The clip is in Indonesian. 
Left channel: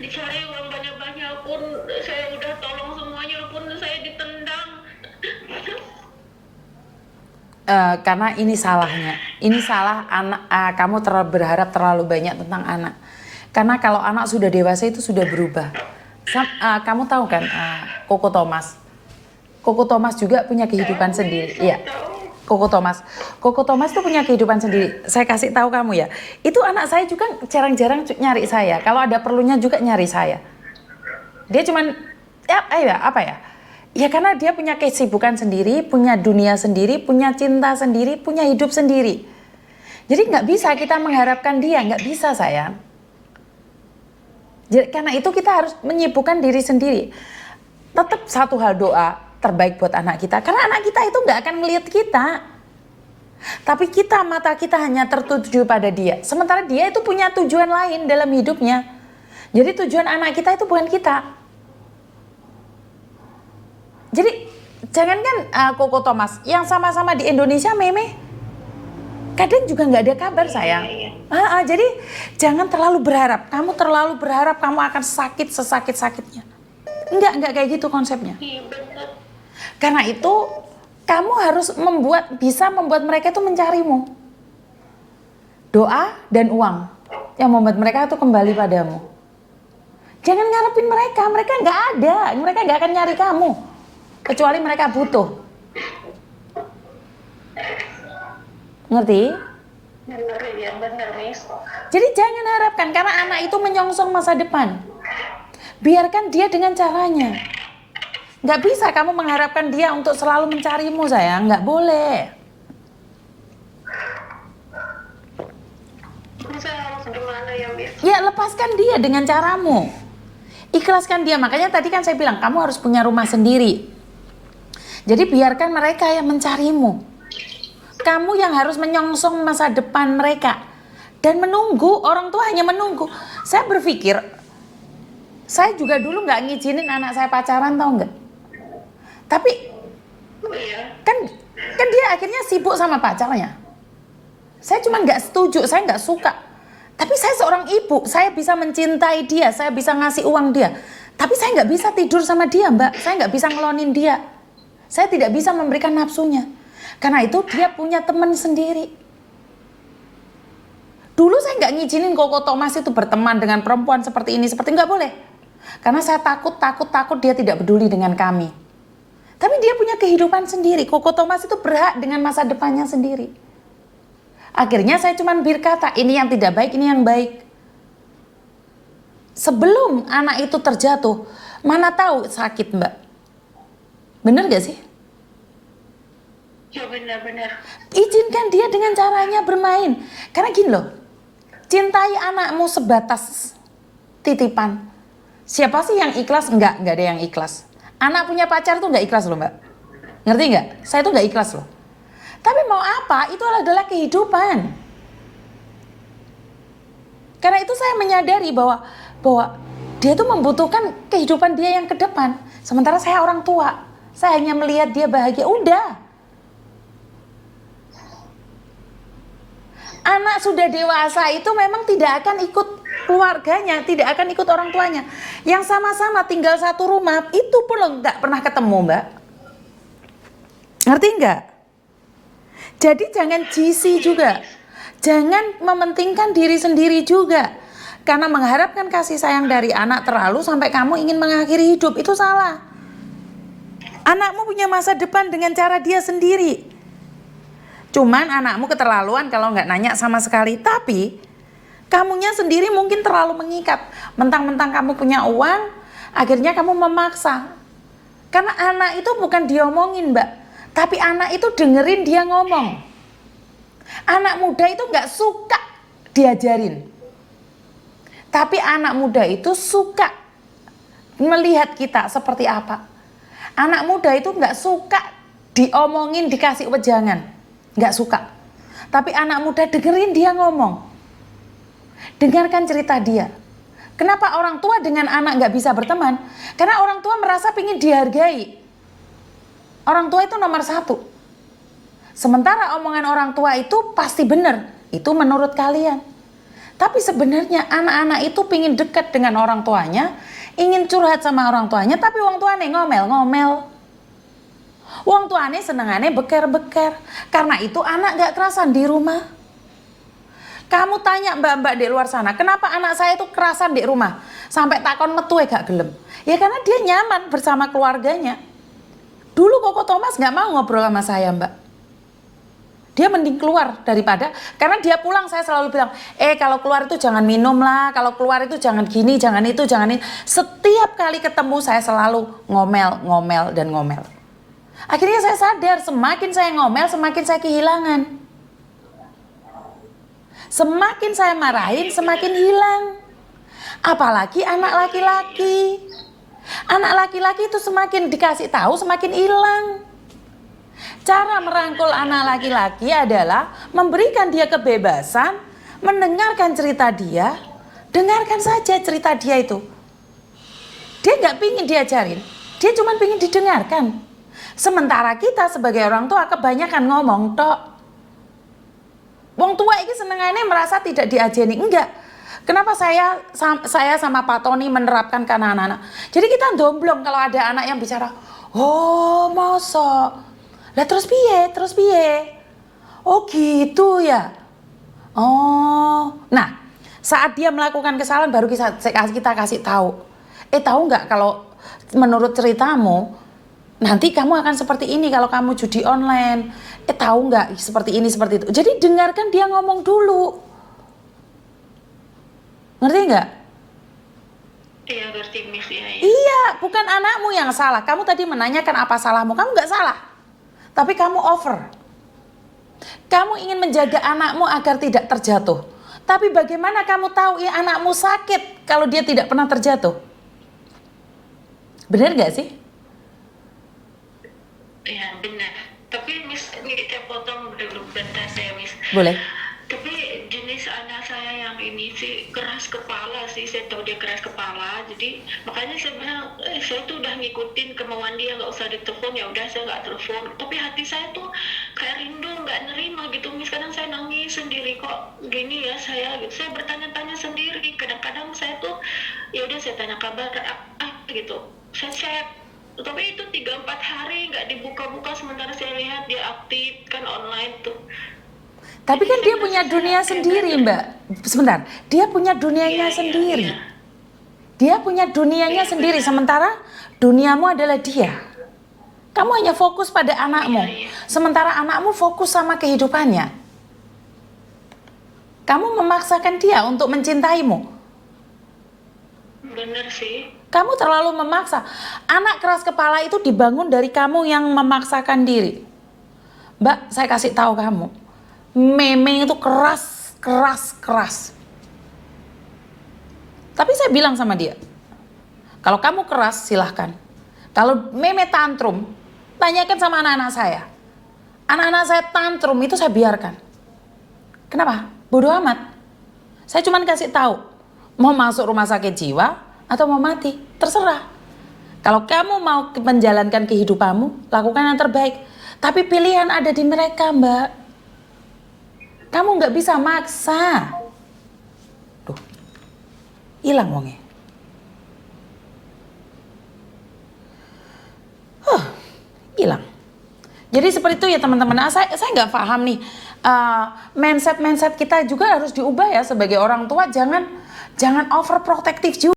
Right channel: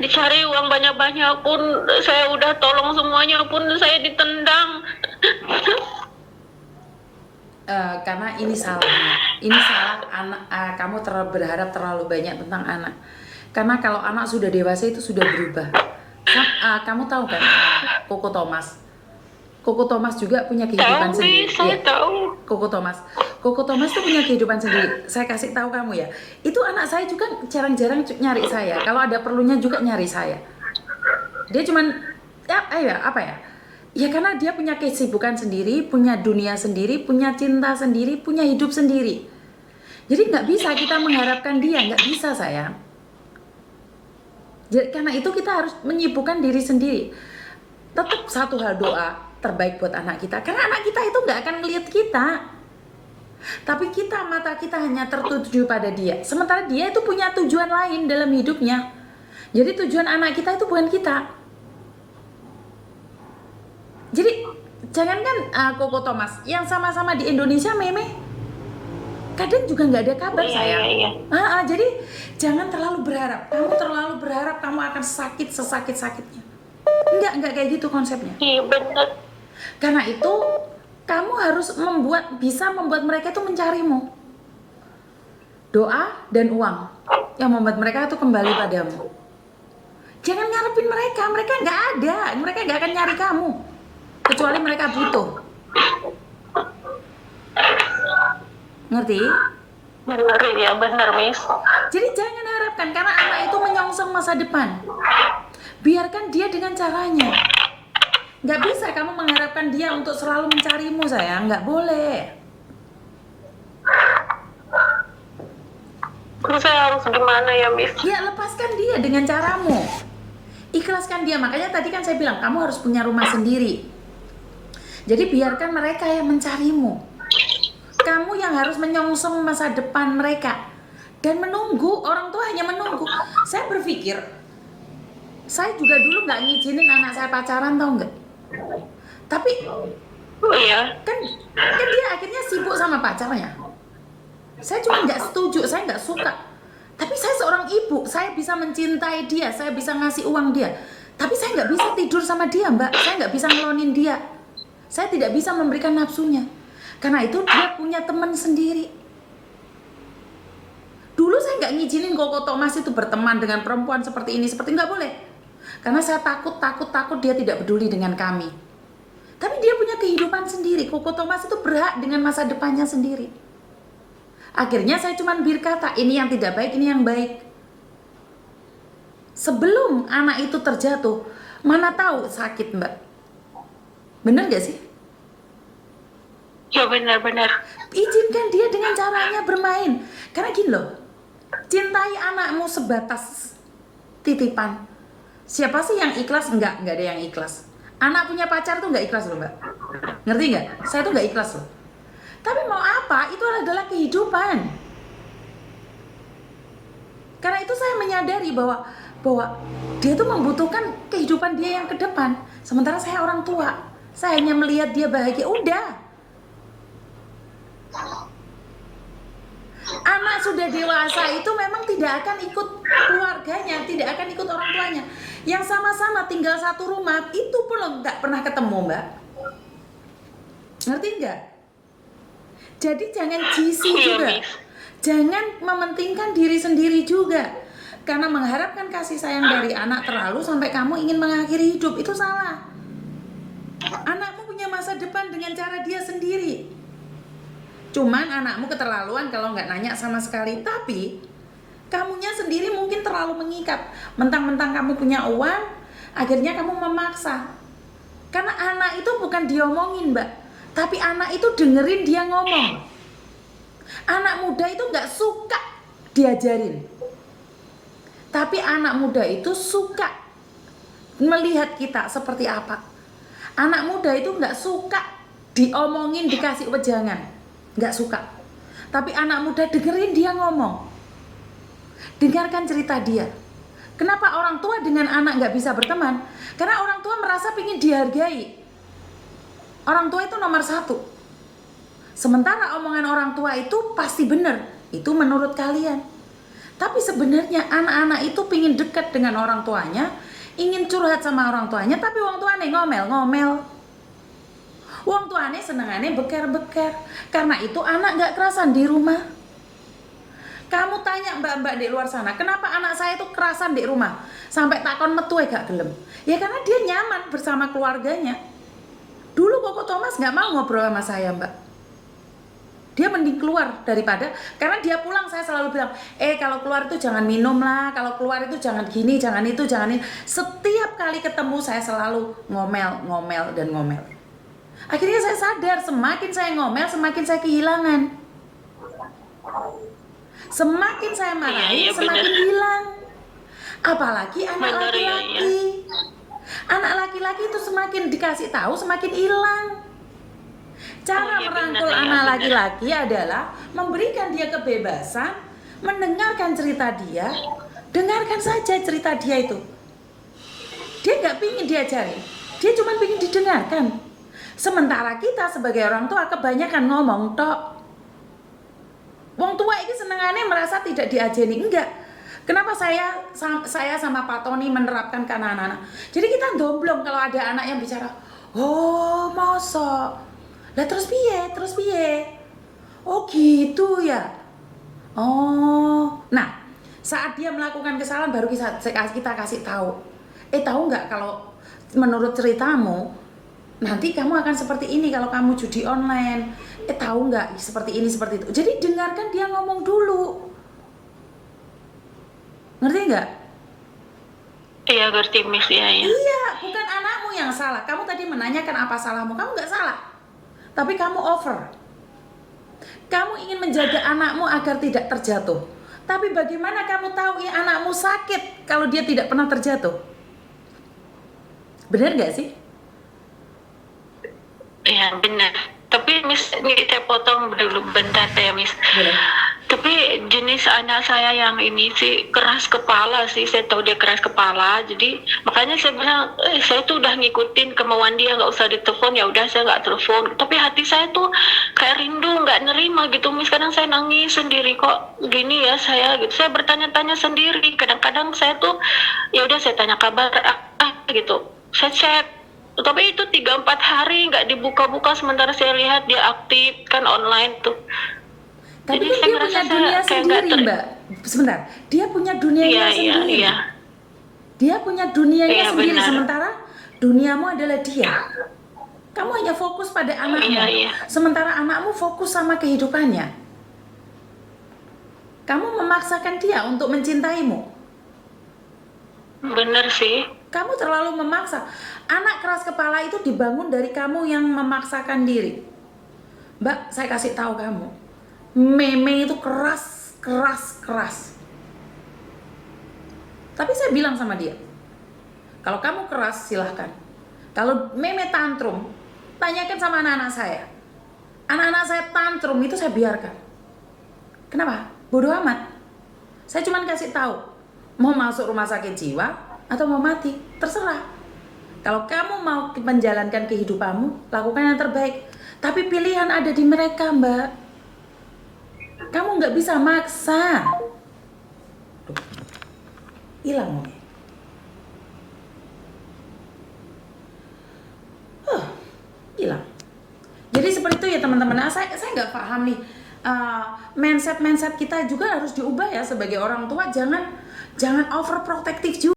Dicari uang banyak-banyak pun, saya udah tolong semuanya pun saya ditendang. Karena ini salahnya. Ini salah anak. Kamu berharap terlalu banyak tentang anak. Karena kalau anak sudah dewasa itu sudah berubah. Kamu tahu kan, Koko Thomas? Koko Thomas juga punya kehidupan Tapi sendiri. saya Iya. tahu. Koko Thomas. Koko Thomas tuh punya kehidupan sendiri. Saya kasih tahu kamu ya. Itu anak saya juga jarang-jarang nyari saya. Kalau ada perlunya juga nyari saya. Dia cuman apa ya? Ya karena dia punya kesibukan sendiri, punya dunia sendiri, punya cinta sendiri, punya hidup sendiri. Jadi nggak bisa kita mengharapkan dia, nggak bisa sayang. Jadi, karena itu kita harus menyibukkan diri sendiri. Tetap satu hal, doa terbaik buat anak kita. Karena anak kita itu nggak akan melihat kita. Tapi mata kita hanya tertuju pada dia. Sementara dia itu punya tujuan lain dalam hidupnya. Jadi tujuan anak kita itu bukan kita. Jadi jangankan Koko Thomas, yang sama-sama di Indonesia Meme, kadang juga nggak ada kabar sayang. Jadi jangan terlalu berharap. Kamu terlalu berharap kamu akan sakit sesakit-sakitnya. Enggak kayak gitu konsepnya. Iya benar. Karena itu kamu harus bisa membuat mereka itu mencarimu. Doa dan uang yang membuat mereka itu kembali padamu. Jangan ngarepin mereka nggak ada, mereka nggak akan nyari kamu. Kecuali mereka butuh. Ngerti? Benar ya, benar Miss. Jadi jangan harapkan, karena anak itu menyongsong masa depan. Biarkan dia dengan caranya. Nggak bisa kamu mengharapkan dia untuk selalu mencarimu sayang, nggak boleh. Terus saya harus gimana ya Miss? Ya lepaskan dia dengan caramu. Ikhlaskan dia, makanya tadi kan saya bilang kamu harus punya rumah sendiri. Jadi biarkan mereka yang mencarimu. Kamu yang harus menyongsong masa depan mereka. Dan menunggu, orang tua hanya menunggu. Saya berpikir, saya juga dulu nggak ngizinin anak saya pacaran, tau nggak? Tapi Iya. kan dia akhirnya sibuk sama pacarnya. Saya cuma nggak setuju, saya nggak suka. Tapi saya seorang ibu, saya bisa mencintai dia, saya bisa ngasih uang dia. Tapi saya nggak bisa tidur sama dia, Mbak. Saya nggak bisa ngelonin dia. Saya tidak bisa memberikan nafsunya. Karena itu dia punya teman sendiri. Dulu saya nggak ngizinin Koko Thomas itu berteman dengan perempuan seperti ini, nggak boleh. Karena saya takut dia tidak peduli dengan kami. Tapi dia punya kehidupan sendiri. Koko Thomas itu berhak dengan masa depannya sendiri. Akhirnya saya cuma berkata, ini yang tidak baik, ini yang baik. Sebelum anak itu terjatuh, mana tahu sakit, Mbak. Bener gak sih? Ya benar-benar. Izinkan dia dengan caranya bermain. Karena gini loh, cintai anakmu sebatas titipan. Siapa sih yang ikhlas? Enggak ada yang ikhlas. Anak punya pacar tuh nggak ikhlas loh, Mbak. Ngerti nggak? Saya tuh nggak ikhlas loh. Tapi mau apa? Itu adalah kehidupan. Karena itu saya menyadari bahwa dia tuh membutuhkan kehidupan dia yang ke depan. Sementara saya orang tua. Saya hanya melihat dia bahagia, udah. Anak sudah dewasa itu memang tidak akan ikut keluarganya, tidak akan ikut orang tuanya. Yang sama-sama tinggal satu rumah, itu pun nggak pernah ketemu, Mbak. Ngerti nggak? Jadi jangan jisi juga. Jangan mementingkan diri sendiri juga. Karena mengharapkan kasih sayang dari anak terlalu sampai kamu ingin mengakhiri hidup, itu salah. Anakmu punya masa depan dengan cara dia sendiri. Cuman anakmu keterlaluan kalau nggak nanya sama sekali. Tapi kamunya sendiri mungkin terlalu mengikat. Mentang-mentang kamu punya uang, akhirnya kamu memaksa. Karena anak itu bukan diomongin, Mbak. Tapi anak itu dengerin dia ngomong. Anak muda itu nggak suka diajarin. Tapi anak muda itu suka melihat kita seperti apa. Anak muda itu nggak suka diomongin, dikasih wejangan. Nggak suka. Tapi anak muda dengerin dia ngomong. Dengarkan cerita dia. Kenapa orang tua dengan anak nggak bisa berteman? Karena orang tua merasa ingin dihargai. Orang tua itu nomor satu. Sementara omongan orang tua itu pasti benar. Itu menurut kalian. Tapi sebenarnya anak-anak itu pingin dekat dengan orang tuanya, ingin curhat sama orang tuanya, tapi orang tuanya ngomel-ngomel. Orang tuanya senengannya beker-beker. Karena itu anak gak kerasan di rumah. Kamu tanya mbak-mbak di luar sana, kenapa anak saya itu kerasan di rumah? Sampai takon metu gak gelem. Ya karena dia nyaman bersama keluarganya. Dulu Koko Thomas gak mau ngobrol sama saya, mbak. Dia mending keluar daripada, karena dia pulang saya selalu bilang, kalau keluar itu jangan minum lah, kalau keluar itu jangan gini, jangan itu, jangan ini. Setiap kali ketemu saya selalu ngomel, ngomel, dan ngomel. Akhirnya saya sadar, semakin saya ngomel, semakin saya kehilangan. Semakin saya marahin, semakin hilang. Apalagi anak laki-laki. Anak laki-laki itu semakin dikasih tahu, semakin hilang. Cara merangkul anak laki-laki adalah memberikan dia kebebasan, mendengarkan cerita dia, dengarkan saja cerita dia itu. Dia nggak pingin diajarin, dia cuma pingin didengarkan. Sementara kita sebagai orang tua kebanyakan ngomong tok. Wong tua ini senengannya merasa tidak diajeni, enggak. Kenapa saya sama Pak Tony menerapkan ke anak-anak? Jadi kita domblong kalau ada anak yang bicara, oh mosok. Lah terus piye? Oh gitu ya. Oh, nah saat dia melakukan kesalahan baru kita kasih tahu. Tahu nggak kalau menurut ceritamu nanti kamu akan seperti ini kalau kamu judi online. Tahu nggak seperti ini seperti itu. Jadi dengarkan dia ngomong dulu. Ngerti nggak? Iya ngerti Miss ya. Iya, bukan anakmu yang salah. Kamu tadi menanyakan apa salahmu, kamu nggak salah. Tapi kamu over. Kamu ingin menjaga anakmu agar tidak terjatuh. Tapi bagaimana kamu tahu anakmu sakit kalau dia tidak pernah terjatuh? Benar nggak sih? Iya benar. Tapi Miss, ini saya potong dulu bentar ya Miss. Boleh. Tapi jenis anak saya yang ini sih keras kepala sih, saya tahu dia keras kepala. Jadi makanya saya bilang, saya tuh udah ngikutin kemauan dia, nggak usah ditelepon, ya udah saya nggak telepon. Tapi hati saya tuh kayak rindu, nggak nerima gitu. Mis kadang saya nangis sendiri, kok gini ya saya gitu. Saya bertanya-tanya sendiri. Kadang-kadang saya tuh ya udah saya tanya kabar gitu. Saya chat. Tapi itu 3-4 hari nggak dibuka-buka, sementara saya lihat dia aktif kan online tuh. Tapi kan dia punya dunia sendiri, Mbak. Sebentar, dia punya dunianya sendiri. Iya. Dia punya dunianya sendiri, benar. Sementara duniamu adalah dia. Kamu hanya fokus pada anakmu, sementara anakmu fokus sama kehidupannya. Kamu memaksakan dia untuk mencintaimu. Bener sih. Kamu terlalu memaksa. Anak keras kepala itu dibangun dari kamu yang memaksakan diri. Mbak, saya kasih tahu kamu. Meme itu keras. Tapi saya bilang sama dia, kalau kamu keras silahkan. Kalau meme tantrum, tanyakan sama anak-anak saya. Anak-anak saya tantrum itu saya biarkan. Kenapa? Bodoh amat. Saya cuma kasih tahu, mau masuk rumah sakit jiwa atau mau mati, terserah. Kalau kamu mau menjalankan kehidupanmu, lakukan yang terbaik. Tapi pilihan ada di mereka, Mbak. Kamu nggak bisa maksa. Tuh, hilang wongnya. Hilang. Jadi seperti itu ya teman-teman. Nah, saya nggak paham nih. Mindset kita juga harus diubah ya sebagai orang tua. Jangan overprotective juga.